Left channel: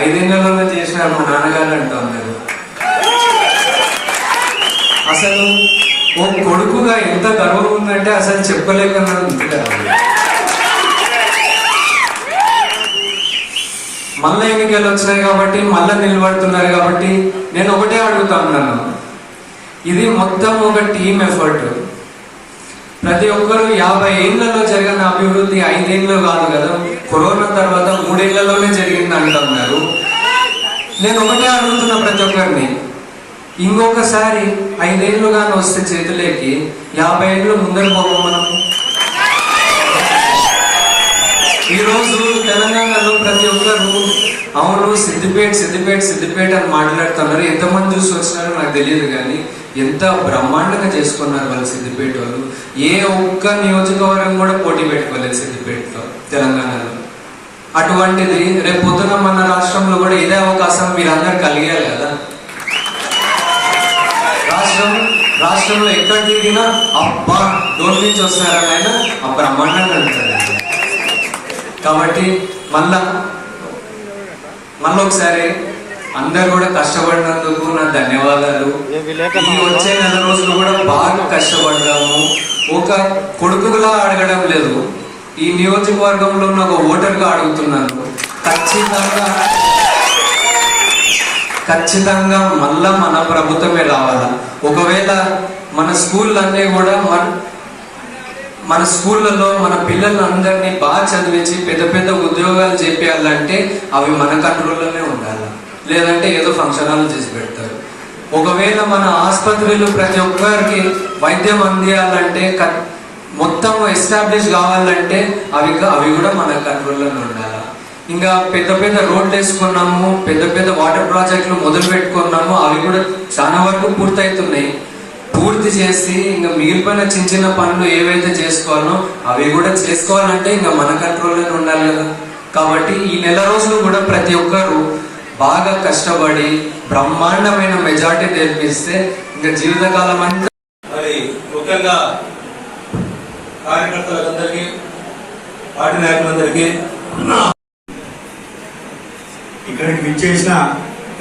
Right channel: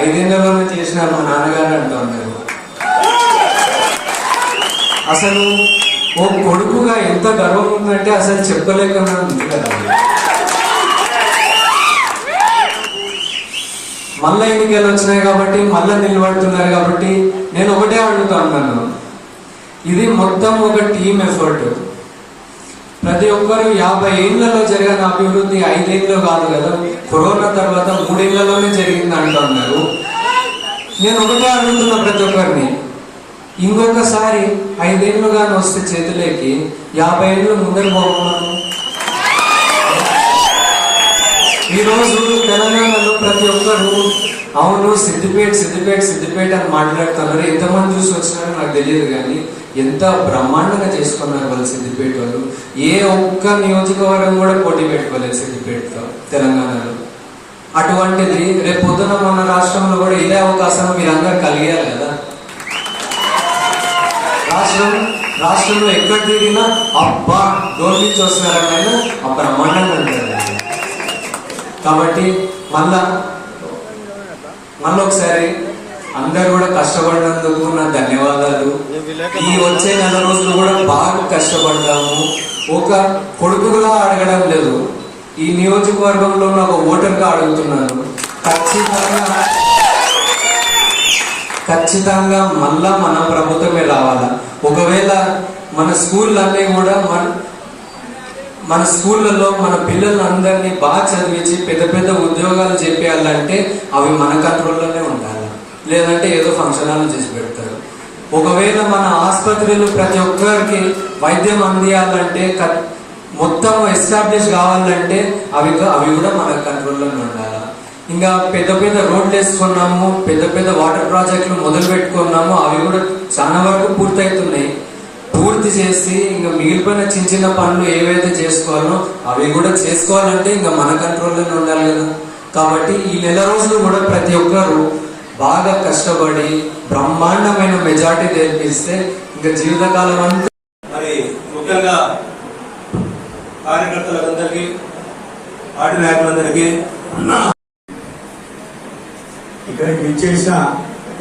5 నెలల్లోనే చేసినారు మా నాన్నగారు అంటూ ఉన్నారు. అసలు ఓ కొడుకుగా ఎంత గర్వం ఉందంటే అసలు చెప్పలేకుండా ఉంది కదా. మళ్ళా ఎన్నికలు వచ్చినాయి కాబట్టి మళ్ళా నిలబడుతున్నారు కాబట్టి నేను ఒకటే అడుగుతా ఉన్నాను, ఇది మొత్తం ఒక టీమ్ ఎఫర్ట్. ప్రతి ఒక్కరు 50 ఏళ్లలో జరిగిన అభివృద్ధి 5 ఏళ్ళు కాదు కదా, కరోనా తర్వాత 3 ఏళ్లలోనే జరిగింది అంటూ ఉన్నారు. నేను ఒకటే అడుగుతున్నా ప్రతి ఒక్కరిని, ఇంకొకసారి 5 ఏళ్ళుగానే వస్తే చేతులేకి 50 ఏళ్ళు ముందర పోవడం. ఈరోజు తెలంగాణలో ప్రతి ఒక్కరు అవును సిద్దిపేట సిద్దిపేట సిద్దిపేట అని మాట్లాడుతున్నారు. ఎంతమంది చూసి వచ్చినారో నాకు తెలియదు, కానీ ఎంత బ్రహ్మాండంగా చేసుకున్నారు వాళ్ళు సిద్దిపేట వాళ్ళు. ఏ ఒక్క నియోజకవర్గం కూడా పోటీ పెట్టుకోలేదు సిద్దిపేటతో తెలంగాణలో. అటువంటిది రేపు పొద్దున మన రాష్ట్రంలో కూడా ఇదే అవకాశం మీరందరూ కలిగేయాలి కదా. రాష్ట్రంలో ఎక్కడ తిరిగినా అబ్బా డోర్ నుంచి వస్తున్నారని ఆయన ఆ బ్రహ్మాండంగా ఉంటారు. కాబట్టి మళ్ళా ఒకసారి అందరు కూడా కష్టపడినందుకు నా ధన్యవాదాలు. ఈ వచ్చే 4 రోజులు కూడా బాగా కష్టపడ్డాము. ఒక కొడుకుగా అడగడం లేదు, ఈ నియోజకవర్గంలో ఉన్న ఒక ఓటర్గా అడుగుతున్నాను. ఖచ్చితంగా మళ్ళా మన ప్రభుత్వమే రావాలా. ఒకవేళ మన స్కూళ్ళన్నీ కూడా మన స్కూళ్ళలో మన పిల్లలందరినీ బాగా చదివించి పెద్ద పెద్ద ఉద్యోగాలు చేయాలంటే అవి మన కంట్రోల్లోనే ఉండాలి, లేదంటే ఏదో ఫంక్షన్ హాల్ చేసి పెడతారు. ఒకవేళ మన ఆసుపత్రులు ప్రతి ఒక్కరికి వైద్యం అందియాలంటే మొత్తం ఎస్టాబ్లిష్ కావాలంటే అవి కూడా మన కంట్రోల్లోనే ఉండాలి. ఇంకా పెద్ద పెద్ద రోడ్లు వేసుకున్నాము, పెద్ద పెద్ద వాటర్ ప్రాజెక్టులు మొదలు పెట్టుకున్నాము, అవి కూడా చాలా వరకు పూర్తవుతున్నాయి. పూర్తి చేసి ఇంకా మిగిలిపోయిన చిన్న చిన్న పనులు ఏవైతే చేసుకోవాలో అవి కూడా చేసుకోవాలంటే ఇంకా మన కంట్రోల్లోనే ఉండాలి కదా. కాబట్టి ఈ 4 రోజులు కూడా ప్రతి ఒక్కరు బాగా కష్టపడి బ్రహ్మాండమైన మెజార్టీ తెప్పిస్తే ఇంకా జీవితకాలం అంటే మరి ముఖ్యంగా కార్యకర్తలందరికీ పార్టీ నాయకులందరికీ ఇక్కడికి విచ్చేసిన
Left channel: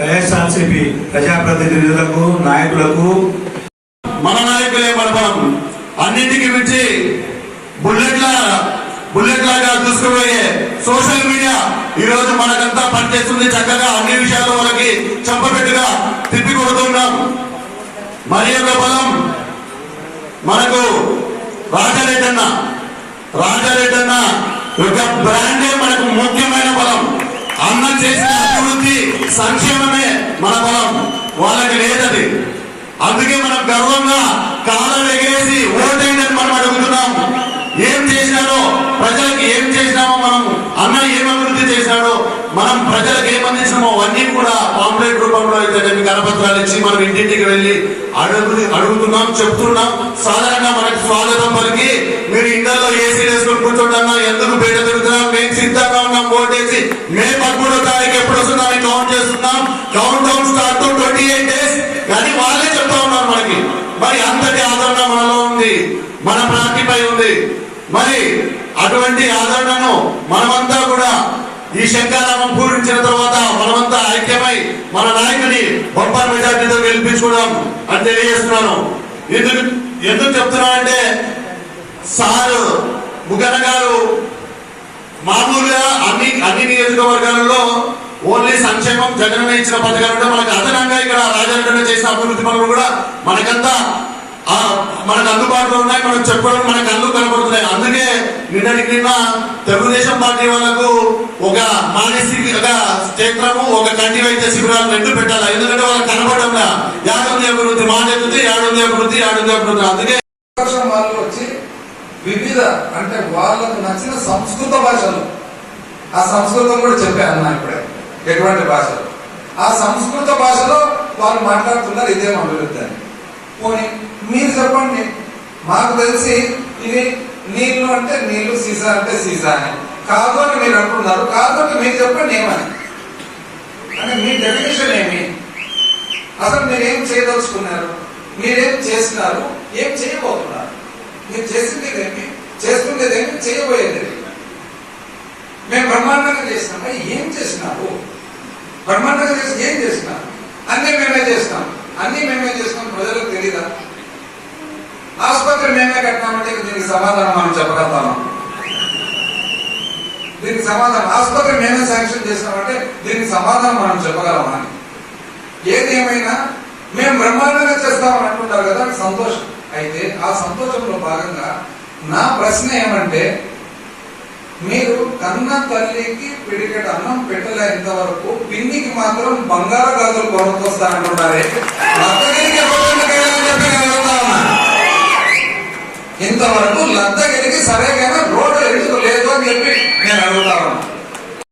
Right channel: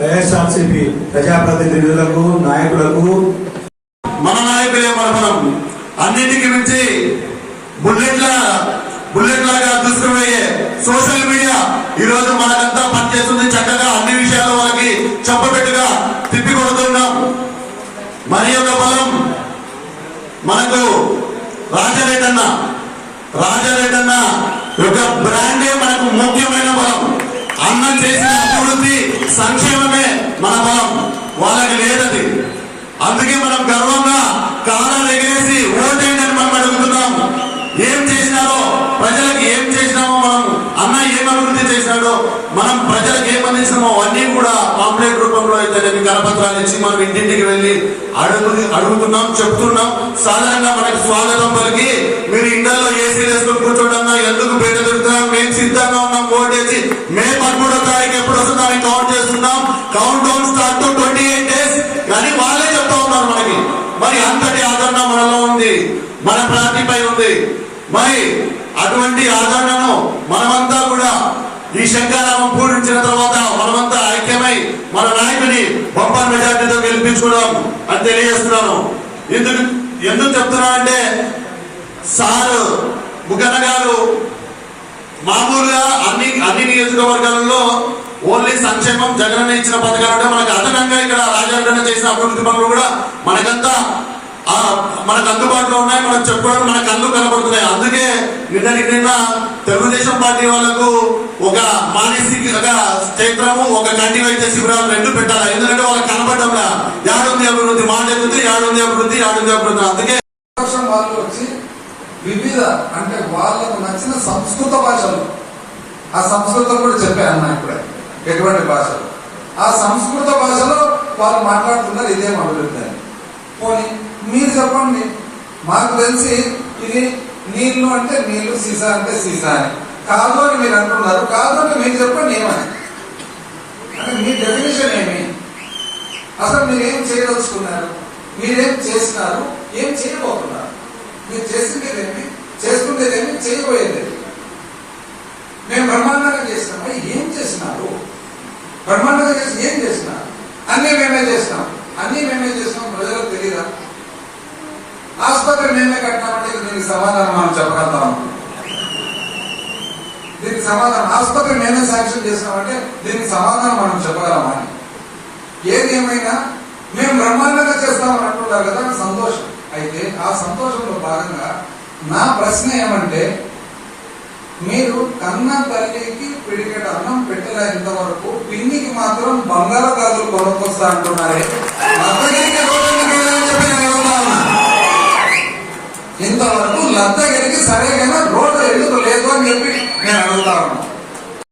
వైఎస్ఆర్సీపీ ప్రజాప్రతినిధులకు నాయకులకు మన నాయకులే మనం అన్నింటికి మించి బుల్లెట్ లాగా దూసుకుపోయే సోషల్ మీడియా ఈ రోజు మనకంతా పనిచేస్తుంది. చక్కగా అన్ని విషయాల్లో వాళ్ళకి చెప్పబెట్టుగా తిప్పి కొడుతున్నాం. మరి ఒక బలం మనకు రాజారెడ్డన్న యొక్క బ్రాండే మనకు ముఖ్యమైన బలం. అన్నం చేసిన అభివృద్ధి సంక్షేమమే మన బలం, వాళ్ళకి లేదది. అందుకే మనం గర్వంగా కాలం ఎగరేసి ఓటైందని మనం అడుగుతున్నాము. ఏం చేసినారో ప్రజలకు ఏం చేసినామో, మనం అన్న ఏం అభివృద్ధి చేసినాడో, మనం ప్రజలకు ఏం అందించినామో అవన్నీ కూడా పాంప్లెట్ రూపంలో అయితే కరపత్రాలు ఇచ్చి మనం ఇంటింటికి వెళ్ళి అడుగుతున్నాం, చెప్తున్నాం. సాధారణంగా మనకి స్వాగతం పలికి మీరు ఇండియాలో ఏసీ వేసుకుని కూర్చోండి, ఎందుకు బయట తిరుగుతున్నాం, మేము సిద్ధంగా ఉన్నాం, ఓటేసి మే 13వ తారీఖు ఎప్పుడు వస్తున్నాం కౌంట్ చేస్తున్నాం. కౌంట్ డౌన్ స్టార్ట్ 28 days కానీ వాళ్ళే చెప్తా ఉన్నారు మనకి. మరి అంతటి ఆదరణ మనలో ఉంది, మన పార్టీపై ఉంది. మరి అటువంటి ఆదరణను మనమంతా కూడా ఈ శంఖారామం పూరించిన తర్వాత మనమంతా ఐక్యమై మన నాయకుని బంపర్ మెజార్టీతో గెలిపించుకోవడం అని తెలియజేస్తున్నాను. ఎందుకు చెప్తున్నానంటే సార్ ముగన్న గారు మామూలుగా అన్ని నియోజకవర్గాలలో ఓన్లీ సంక్షేమం జగనన్న ఇచ్చిన పథకాలు ఉంటే మనకు అదనంగా ఇక్కడ రాజారెడ్డి చేసిన అభివృద్ధి పనులు కూడా మనకంతా మనకు అందుబాటులో ఉన్నాయి, మనం చెప్పుకోవడం మనకు అందుకు కనబడుతున్నాయి. అందుకే నిన్న తెలుగుదేశం పార్టీ వాళ్ళకు ఒక మానసిక క్షేత్రము, ఒక కంటి వైద్య శిబిరాలు 2 పెట్టాలి. ఎందుకంటే వాళ్ళకి కనబడడం యాడుంది అభివృద్ధి, మాట్లాడుతుంది యాడుంది అభివృద్ధి. అందుకే వాళ్ళు వచ్చి వివిధ అంటే వాళ్ళకు నచ్చిన సంస్కృత భాషలు, ఆ సంస్కృతం కూడా చెప్పాను ఇప్పుడే ఎటువంటి భాషలు, ఆ సంస్కృత భాషలో వాళ్ళు మాట్లాడుతున్నారు ఇదేం అభివృద్ధి అని. పోనీ మీరు చెప్పండి, మాకు తెలిసి ఇది నీళ్లు అంటే నీళ్లు, సీసా అంటే సీసా అని, కాదు అని మీరు అంటున్నారు. కాదు అని మీరు చెప్పండి ఏమని, అంటే మీ డెఫినేషన్ ఏమి, అసలు మీరేం చేయదలుచుకున్నారు, మీరేం చేస్తున్నారు, ఏం చేయబోతున్నారు, మీరు చేసిందేమి, చేస్తుండేదేమి, చేయబోయేది. మేము బ్రహ్మాండంగా చేసినాం, ఏం చేసినారు బ్రహ్మాండంగా చేసి ఏం చేసినా అన్నీ మేమే చేసినాం, అన్నీ మేమే చేసినాం, ప్రజలకు తెలీదా? ఆసుపత్రి మేమే కట్టినామంటే దీనికి సమాధానం మనం చెప్పగలుగుతాము. దీనికి సమాధానం ఆసుపత్రి మేమే శాంక్షన్ చేసినామంటే దీనికి సమాధానం మనం చెప్పగలమా? ఏది ఏమైనా మేము బ్రహ్మాండంగా చేస్తామని అంటున్నారు కదా, సంతోషం. అయితే ఆ సంతోషంలో భాగంగా నా ప్రశ్న ఏమంటే, మీరు కన్న తల్లికి పిడికెట్ అన్నం పెట్టలేంత వరకు పిన్నికి మాత్రం బంగారు గాజులు కొనుక్కొస్తా అంటున్నారే, లద్దగిరికి ఇంతవరకు లద్దగిరికి సరైన రోడ్డు ఎందుకు లేదు అని చెప్పి నేను అడుగుతా ఉన్నా.